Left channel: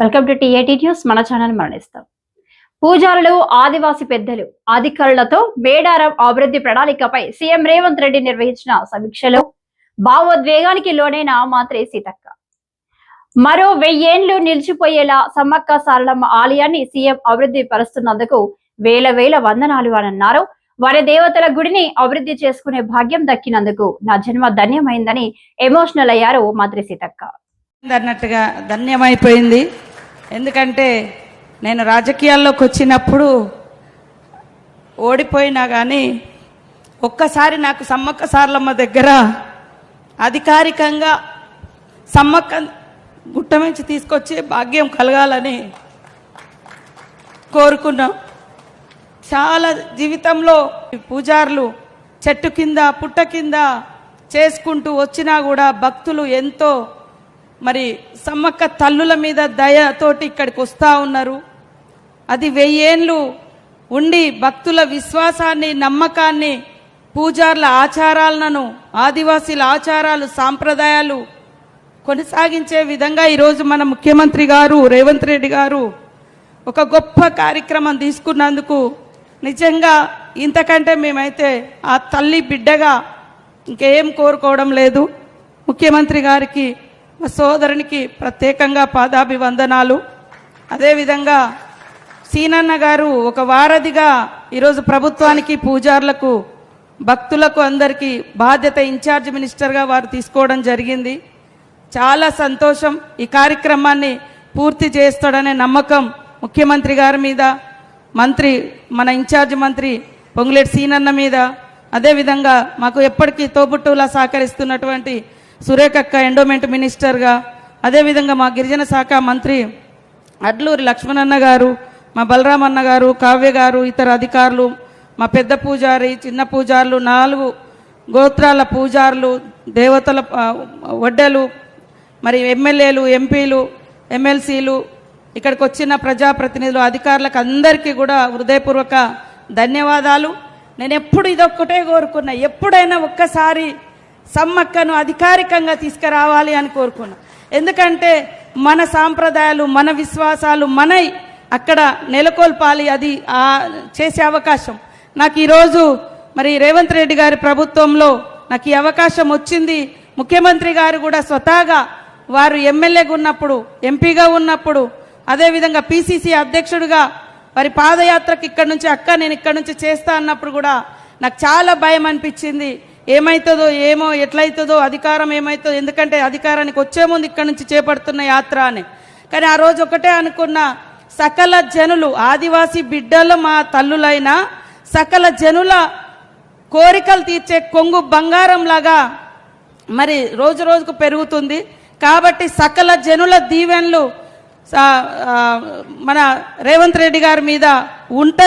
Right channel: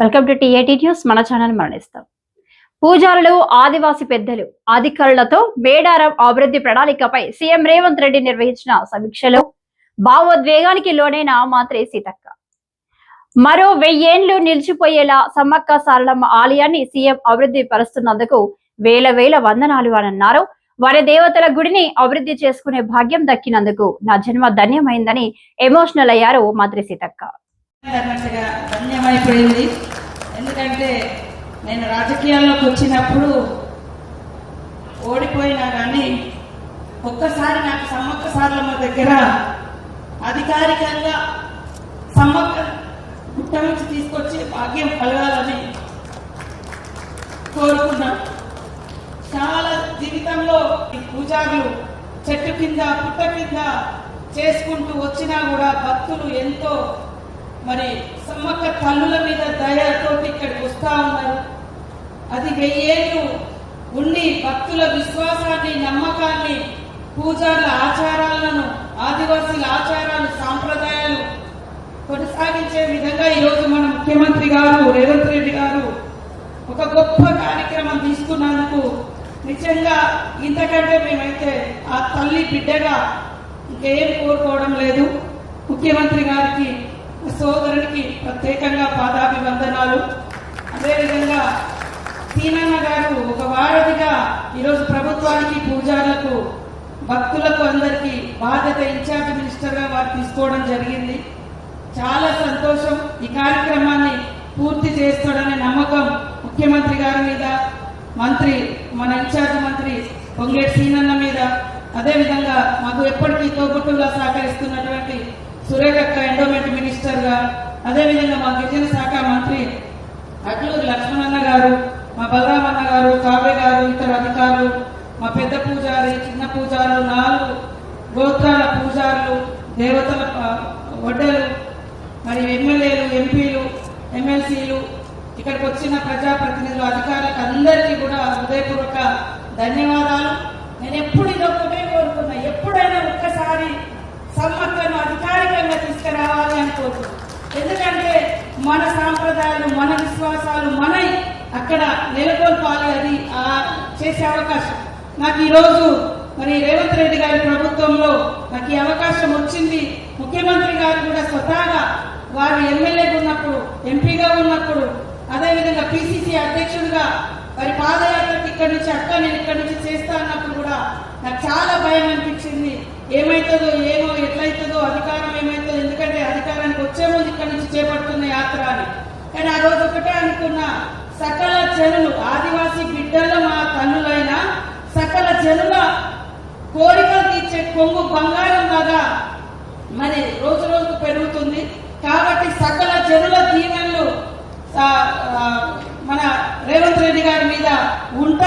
Welcome to TAT news మన channel మరణిస్తాం. పూజారులు ఆదివాసి పెద్దలు అధికారులతో మేడారం అభివృద్ధి ప్రణాళికపై సీఎం రేవంత్ రెడ్డి నిర్వహించిన సమీక్షలో. భావోద్వేగానికి లోనైన మాత్రే సీతక్క. మరో వెయ్యేండ్లు నిలిచిపోయేలా సమ్మక్క సారలమ్మ ఆలయాన్ని సీఎం అభివృద్ధి పరుస్తున్నందుకు వేల వేల వందనాలు అని అన్నారు వారి దేవతల గుడిని అభివృద్ధి చేసుకునే భాగ్యం దక్కినందుకు నా జన్మ ధన్యమైందని ఎమోషనల్ అయ్యారు మంత్రి సీతక్క. అన్నట్టుగా ధన్యమైపోయింది. ఎందుకంటే నేను రాజకీయాల్లోకి వచ్చినప్పుడు ఓడిపోయినా కానీ ఒక్కసారి నాకు సమ్మక్క సార్లమ్మ దగ్గర అధికారికంగా సమ్మక్క గుట్ట నుంచి తీసుకొచ్చే భాగ్యం కలగాలని కోరుకున్నాం. చాలా జీవితంలో పూజారులు చెట్టు కింద పుట్ట కింద చేసుకుంటూ వచ్చినా కూడా భక్తులు ఎంతో మరి సమ్మక్క తల్లుల మీద దయతోటి ఇక్కడికి వస్తూ ఉన్నారు. అది వెయ్యేళ్ళు ఉండి భక్తుల విశ్వాసాన్ని నమ్మకాన్ని పూజార్ల ఆచారాలను ఆదివాసీల ఆచారాలు సాంప్రదాయాలు కొనసాగించే విధంగా ఈరోజు మన ముఖ్యమంత్రి గారు రేవంత్ రెడ్డి గారు ఒక గొప్ప కార్యక్రమం తీసుకున్నందుకు నిజంగా ఇంతకంటే మేమైతే ఆ తల్లి బిడ్డగా ఇంకేం కోరుకోవడం లేదు. ముఖ్యమంత్రి గారికి మా సోదరునికి ప్రత్యేకంగా పాదాభివందనాలు. అదేవిధంగా సీనన్న గారు ఒక వారధిగా ఈరోజు ప్రభుత్వానికి పూజారులకు భక్తులకు అందరికీ బాధ్యత ఇన్ఛార్జ్ మినిస్టర్గా వారు తీసుకోవడం జరిగింది. చాలా సంతోషం ఈ కార్యక్రమాన్ని పూర్తి చేస్తాడనే నమ్మకం ముఖ్యమంత్రి గారి మీద మంత్రి మన ఇన్ఛార్జ్ మంత్రి పొంగులేటి సీనన్న మీద. అదేవిధంగా మాకు ఎప్పటికీ తోబుట్టులా సహకరిస్తున్నటువంటి సురేఖక్క ఎండోమెంట్ మినిస్టర్గా అదేవిధంగా మా గిరిజన శాఖ మంత్రి అడ్లూరి లక్ష్మణన్న గారు మా బలరామన్న గారు కావ్య గారు ఇతర అధికారులు మా పెద్ద పూజారి చిన్న పూజారులు నాలుగు గోత్రాల పూజారులు దేవతల వడ్డలు మరి ఎమ్మెల్యేలు ఎంపీలు ఎమ్మెల్సీలు ఇక్కడికి వచ్చిన ప్రజాప్రతినిధులు అధికారులకు అందరికీ కూడా హృదయపూర్వక ధన్యవాదాలు. నేను ఎప్పుడు ఇదొక్కటే కోరుకున్నా ఎప్పుడైనా ఒక్కసారి సమ్మక్కను అధికారికంగా తీసుకురావాలి అని కోరుకున్నాను ఎందుకంటే మన సాంప్రదాయాలు మన విశ్వాసాలు మనై అక్కడ నెలకొల్పాలి. అది ఆ చేసే అవకాశం. నాకు ఈరోజు మరి రేవంత్ రెడ్డి గారి ప్రభుత్వంలో నాకు ఈ అవకాశం వచ్చింది. ముఖ్యమంత్రి గారు కూడా స్వతహాగా వారు ఎమ్మెల్యేగా ఉన్నప్పుడు ఎంపీగా ఉన్నప్పుడు అదేవిధంగా పిసిసి అధ్యక్షుడిగా మరి పాదయాత్రకు ఇక్కడ నుంచి అక్క నేను ఇక్కడ నుంచి చేస్తా అన్నప్పుడు కూడా నాకు చాలా భయం అనిపించింది. ఏమవుతుందో ఏమో ఎట్లయితుందో అధికారం ఏమవుతుందో ఎందుకంటే అధికారానికి వచ్చే ముందు ఇక్కడ నుంచి చేపడుతున్న యాత్ర అని. కానీ ఆ రోజు ఒకటే అనుకున్న సకల జనులు ఆదివాసీ బిడ్డలు మా తల్లులైన సకల జనుల కోరికలు తీర్చే కొంగు బంగారం లాగా మరి రోజు రోజుకు పెరుగుతుంది. కాబట్టి సకల జనుల దీవెన్లు మన రేవంత్ రెడ్డి గారి మీద ఉంటాయి.